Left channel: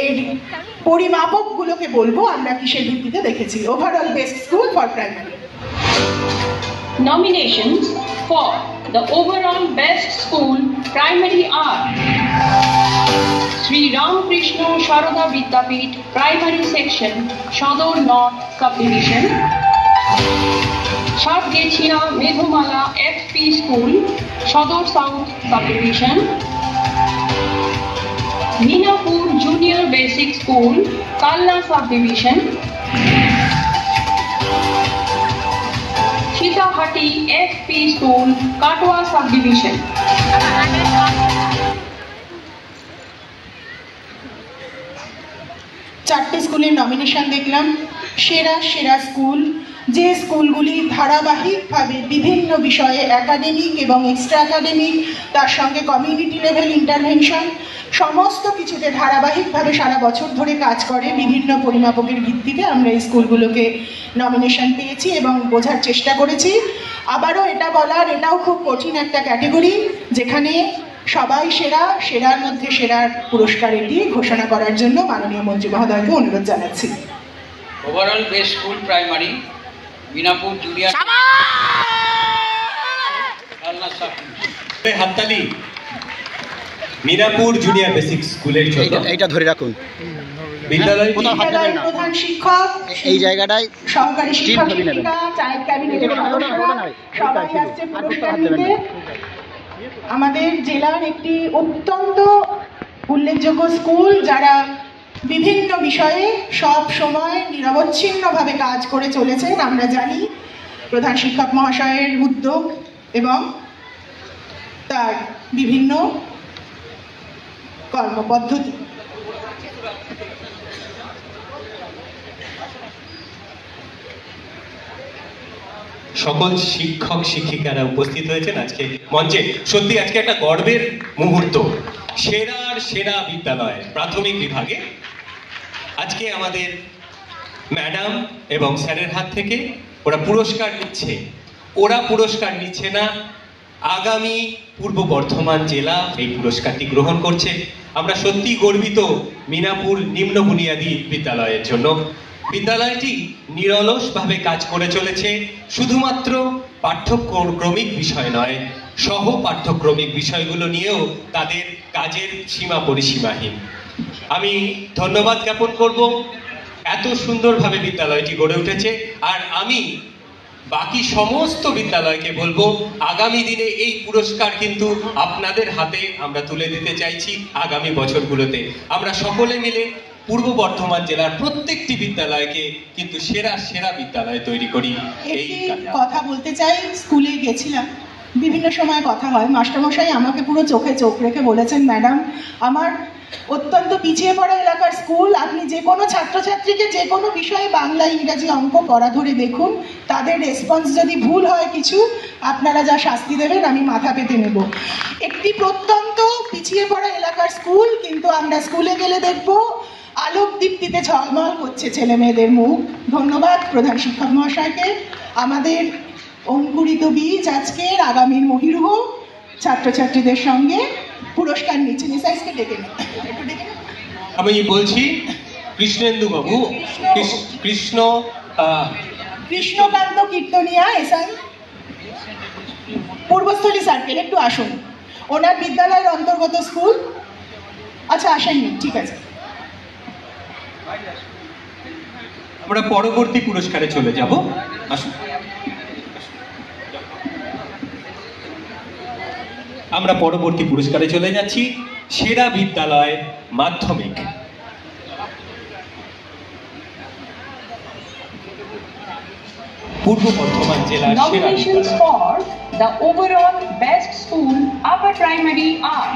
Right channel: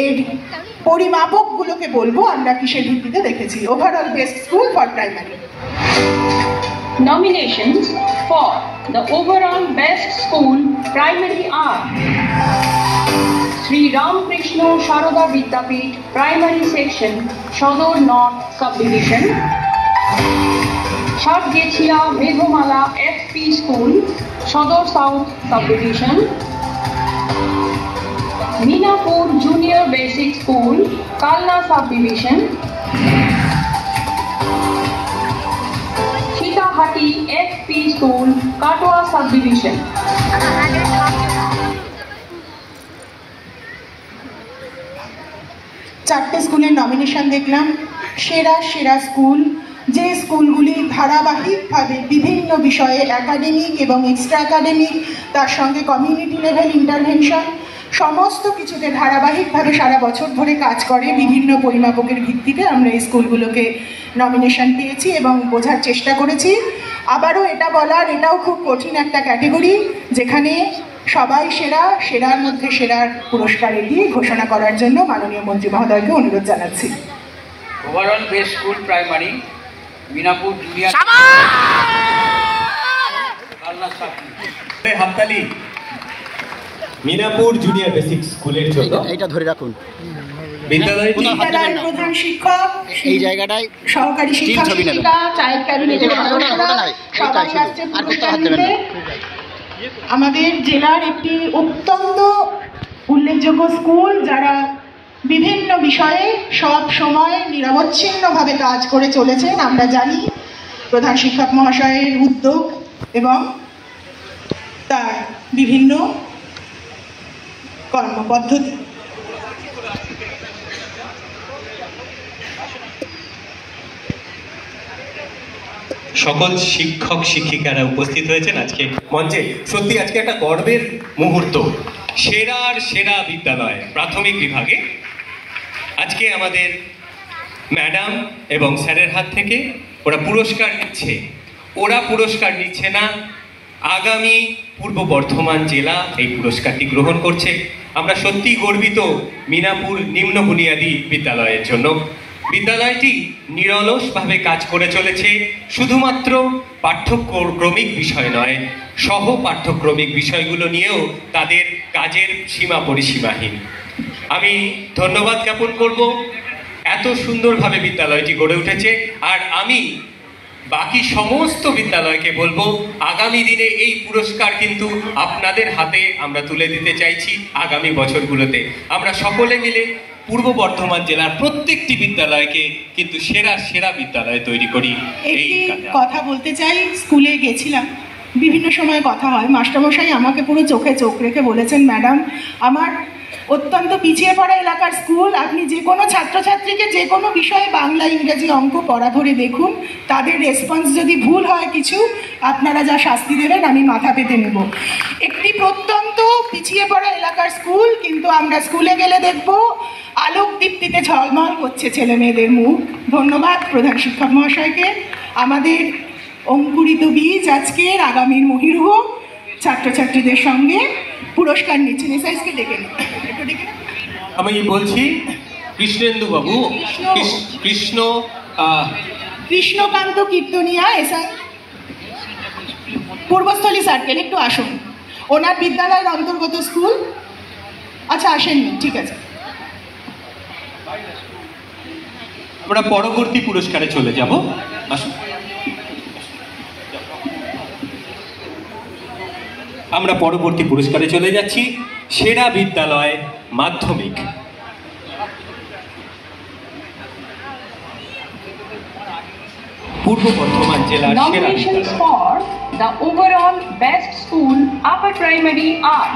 এর পরিমাপকগুলোকে বলবো আমরা কিসের ভিত্তিতে দেখেছি। Overall best school for primary. Nominations for the overall best school primary are Sri Ramakrishna Sharada Vidyapith Primary Section, Shodor North Subdivision, Chatgechia Medhomala FP School, Shodor South Subdivision, Minapur Junior Basic School, Kalna Subdivision, Sitahati FP School, Katwa Subdivision. চারটে স্কুলের nomination দেখলাম। সেরা সেরা school, যে স্কুলগুলি ধারাবাহিকভাবে বিভিন্ন বিষয়ে একাডেমিক এবং এক্সট্রা একাডেমিক, তার সঙ্গে কমিউনিটি লেভেল ইন্টারভেনশন, সমস্ত কিছুতে ধারাবাহিকভাবে সারা বছর ধরে কাজ করে বিভিন্ন পরিমাপকের ভিত্তিতে আমরা এই স্কুলগুলোকে নমিনেশন পেয়েছি এবং বোঝার চেষ্টা করেছি। আবারও এটা বলার, এটাও খুব কঠিন একটা ক্যাটেগরি যেখানে সবাই সেরা, সেরার মধ্যে সেরার পুরস্কার দিয়ে ঘোষণা করার জন্য মাননীয় মন্ত্রী মহোদয়কে অনুরোধ জানাচ্ছি। Overall best school primary Minapur junior হাততালি মিনাপুর জুনিয়র বেসিক স্কুলের জন্য। এইটা ধরে রাখুন। বিদ্যালয়ের প্রধান শিক্ষক, এই জায়গাটায় সহকারী শিক্ষক শিক্ষিকা, চাইল্ড ক্যাবিনেটের আমাদের জেলার একটি অত্যন্ত উল্লেখযোগ্য স্কুল যারা বিভিন্ন বিষয়ে সব সময় নিরবচ্ছিন্নভাবে কাজ করে চলেছেন। আমরা জানি প্রধান শিক্ষক মহাশয়ের উদ্যোগ এবং তার বিভিন্ন কর্মপদ্ধতি। সকল শিক্ষক শিক্ষিকারা উপস্থিত হয়েছেন আজকে মঞ্চে। সত্যি আজকে একটা গর্বের মুহূর্ত। সেরার সেরা বিদ্যালয় প্রাথমিক বিভাগে আজকে আমাদের ম্যাডাম এবং স্যারের হাত থেকে ওরা পুরস্কার নিচ্ছে। ওরা পুরস্কার নিচ্ছে না, আগামী পূর্ব বর্ধমান জেলা এই পুরস্কারটি গ্রহণ করছে। আমরা সত্যি গর্বিত মিনাপুর নিম্ন বুনিয়াদী বিদ্যালয়ের জন্য। বিদ্যালয়টি নিরলসভাবে কাজ করে চলেছে, শুধুমাত্র পাঠ্যক্রমিক বিষয় নয়, সহ পাঠ্যক্রমিক বিষয়গুলো নিয়েও তাদের কাজের সীমা পরিসীমাহীন। আমি ধন্যবাদ জ্ঞাপন করব, এত সুন্দরভাবে বিদ্যালয়টি গড়ে উঠেছে। আর আমি বাকি সমস্ত বিদ্যালয়কে বলবো, আগামী দিনে এই পুরস্কার কিন্তু আপনাদের হাতে আমরা তুলে দিতে চাইছি। আগামী বছরগুলোতে আমরা সকলে মিলে পূর্ব বর্ধমান জেলার প্রত্যেকটি বিদ্যালয়কে কিন্তু সেরা সেরা বিদ্যালয় তৈরি করি। এই কথা বলতে চাই, স্কুলে গেছিলাম, বিভিন্ন সময় কথা হয়, মাস্টারমশাই আমাকে পুরো চোখে চোখ রেখে বলেছেন, ম্যাডাম আমার অত্যন্ত পিছিয়ে পড়া এলাকার স্কুল, আপনি যে কোনো ছাত্রছাত্রীকে যে কোনো বিষয়ে বাংলা ইংরেজি অঙ্ক পড়া ধরে দেখুন, তাদের রেসপন্স যদি ভুল হয় কিছু, আপনারা যা শাস্তি দেবেন আমি মাথা পেতে নেব। একটি প্রত্যন্ত পিছিয়ে পড়া এলাকার স্কুল, কিন্তু আমরা স্কুলে গেলে দেখব আলোক দীপ্তিতে ঝলমল করছে ছেলে মেয়েদের মুখ। ধন্যবাদ প্রধান শিক্ষক মহাশয়কে। আমাদের অঙ্কুরিত বীজ আজকের আগামীর মহিরুহ ছাত্রছাত্রীদের সঙ্গে পুরস্কার নিচ্ছেন। এসআইসকে ডেকে নেন। আমি বলছি কৃষ্ণেন্দু বাবু, কৃষ্ণকান্ত কীর্তনিয়া এসআই, পূর্বস্থলী সার্কেল, একটু আসুন। ওনার বিদ্যালয়ের অন্তর্গত স্কুল। আচ্ছা আসেননি, ঠিক আছে। আমরা পরবর্তী পুরস্কারে চলে যাব। আসুন, আমরা পরবর্তী পুরস্কারে চলে যাচ্ছি। সেরা বিদ্যালয় মাধ্যমিক। পূর্ব বর্ধমান জেলার সেরা Nominations for the overall best school upper primary are